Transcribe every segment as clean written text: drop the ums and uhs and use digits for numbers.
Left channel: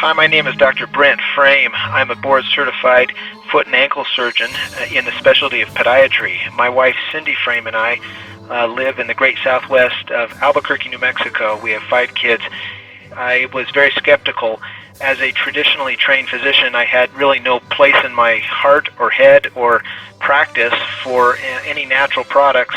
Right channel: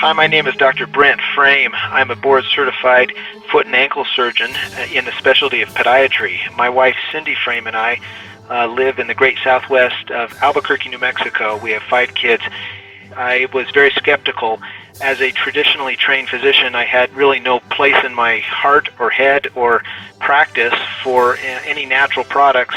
Hi, my name is Dr. Brent. I'm a board-certified foot and ankle surgeon in the specialty of podiatry. My wife, Cindy Frame, and I live in the great southwest of Albuquerque, New Mexico. We have 5 kids. I was very skeptical. As a traditionally trained physician, I had really no place in my heart or head or practice for any natural products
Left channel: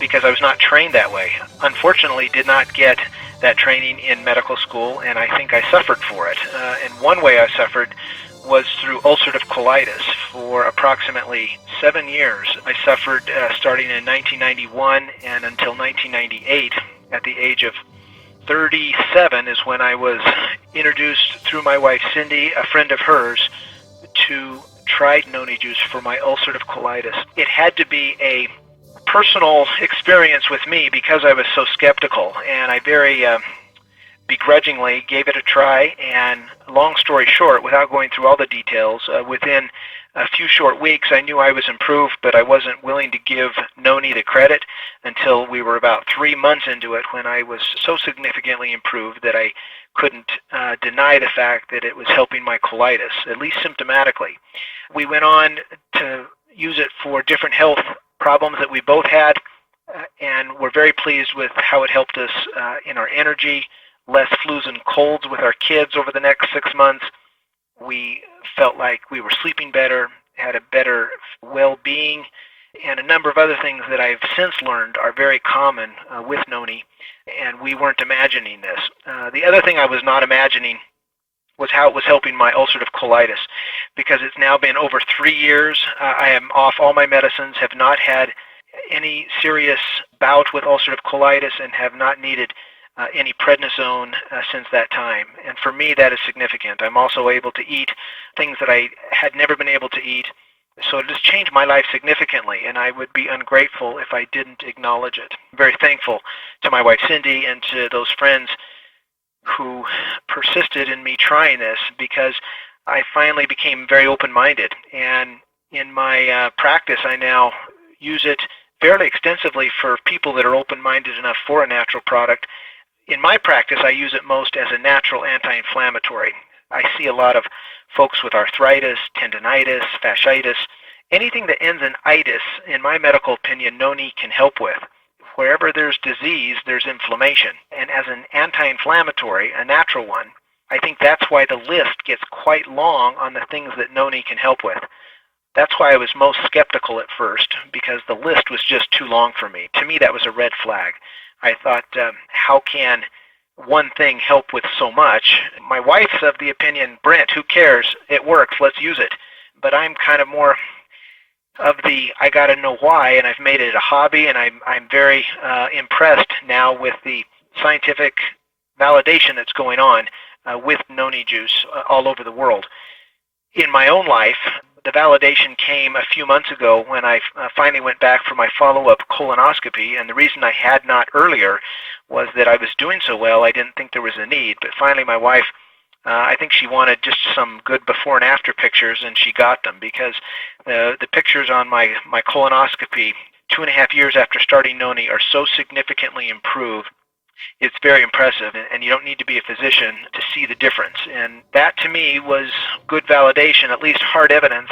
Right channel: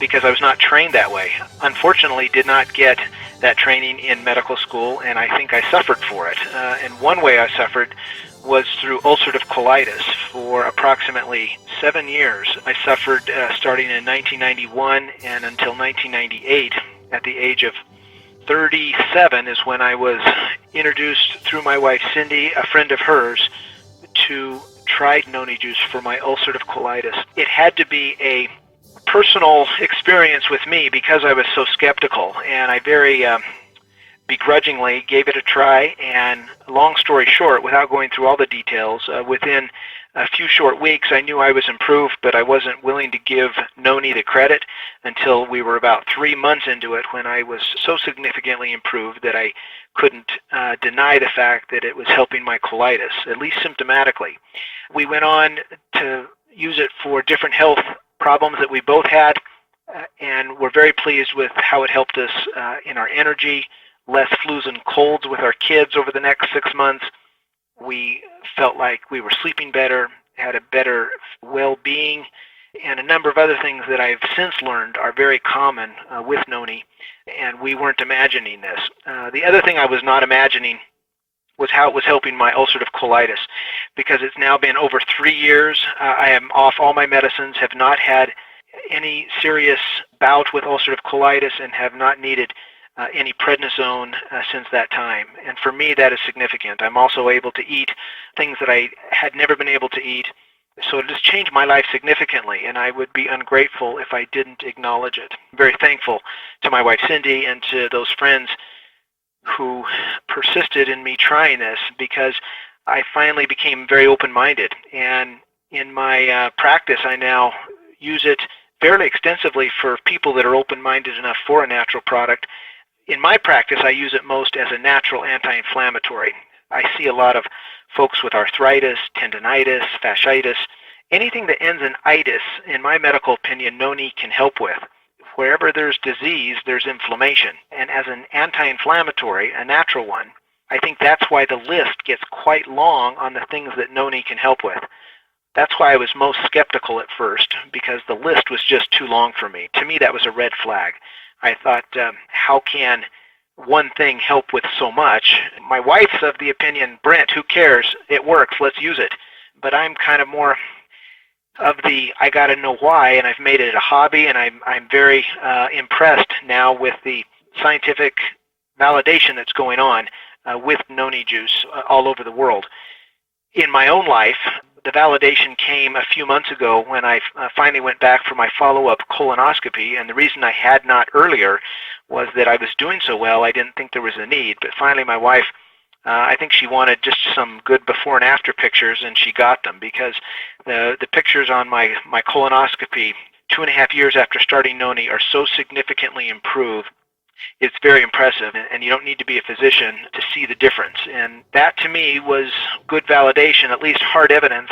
because I was not trained that way. Unfortunately, did not get that training in medical school, and I think I suffered for it. And one way I suffered was through ulcerative colitis. For approximately 7 years, I suffered starting in 1991 and until 1998. At the age of 37 is when I was introduced through my wife Cindy, a friend of hers, to try noni juice for my ulcerative colitis. It had to be a personal experience with me because I was so skeptical, and I very begrudgingly gave it a try. And long story short, without going through all the details, within a few short weeks I knew I was improved, but I wasn't willing to give noni the credit until we were about 3 months into it, when I was so significantly improved that I couldn't deny the fact that it was helping my colitis, at least symptomatically. We went on to use it for different health problems that we both had, and we're very pleased with how it helped us in our energy, less flus and colds with our kids over the next 6 months. We felt like we were sleeping better, had a better well-being, and a number of other things that I've since learned are very common with noni, and we weren't imagining this. The other thing I was not imagining was how it was helping my ulcerative colitis, because it's now been over 3 years. I am off all my medicines, have not had any serious bout with ulcerative colitis, and have not needed any prednisone since that time. And for me, that is significant. I'm also able to eat things that I had never been able to eat. So it has changed my life significantly, and I would be ungrateful if I didn't acknowledge it. I'm very thankful to my wife Cindy and to those friends who persisted in me trying this, because I finally became very open-minded. And in my practice, I now use it fairly extensively for people that are open-minded enough for a natural product. In my practice, I use it most as a natural anti-inflammatory. I see a lot of folks with arthritis, tendinitis, fasciitis, anything that ends in itis. In my medical opinion, noni can help with. Wherever there's disease, there's inflammation. And as an anti-inflammatory, a natural one, I think that's why the list gets quite long on the things that noni can help with. That's why I was most skeptical at first, because the list was just too long for me. To me, that was a red flag. I thought, how can one thing help with so much? My wife's of the opinion, Brent, who cares? It works, let's use it. But I'm kind of more of the, I got to know why, and I've made it a hobby, and I'm very impressed now with the scientific validation that's going on with noni juice all over the world. In my own life, the validation came a few months ago when I finally went back for my follow-up colonoscopy, and the reason I had not earlier was that I was doing so well, I didn't think there was a need. But finally my wife, I think she wanted just some good before and after pictures, and she got them, because the pictures on my colonoscopy 2.5 years after starting noni are so significantly improved. It's very impressive, and you don't need to be a physician to see the difference. And that, to me, was good validation, at least hard evidence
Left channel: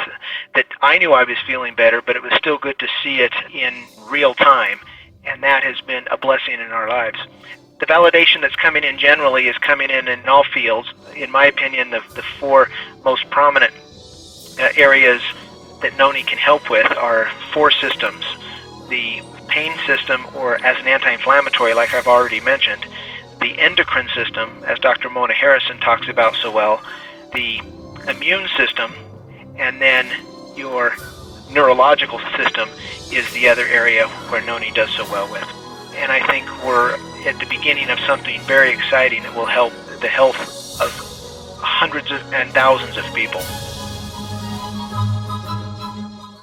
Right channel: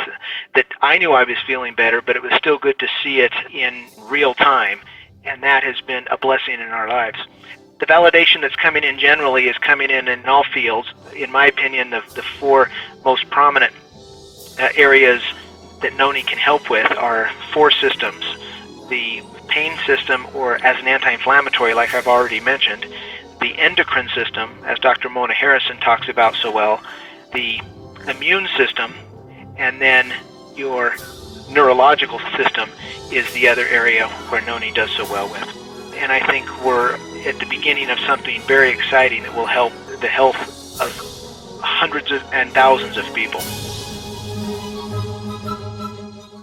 that I knew I was feeling better, but it was still good to see it in real time, and that has been a blessing in our lives. The validation that's coming in generally is coming in all fields. In my opinion, the 4 most prominent areas that noni can help with are 4 systems. The pain system, or as an anti-inflammatory, like I've already mentioned, the endocrine system, as Dr. Mona Harrison talks about so well, the immune system, and then your neurological system is the other area where noni does so well with. And I think we're at the beginning of something very exciting that will help the health of hundreds and thousands of people.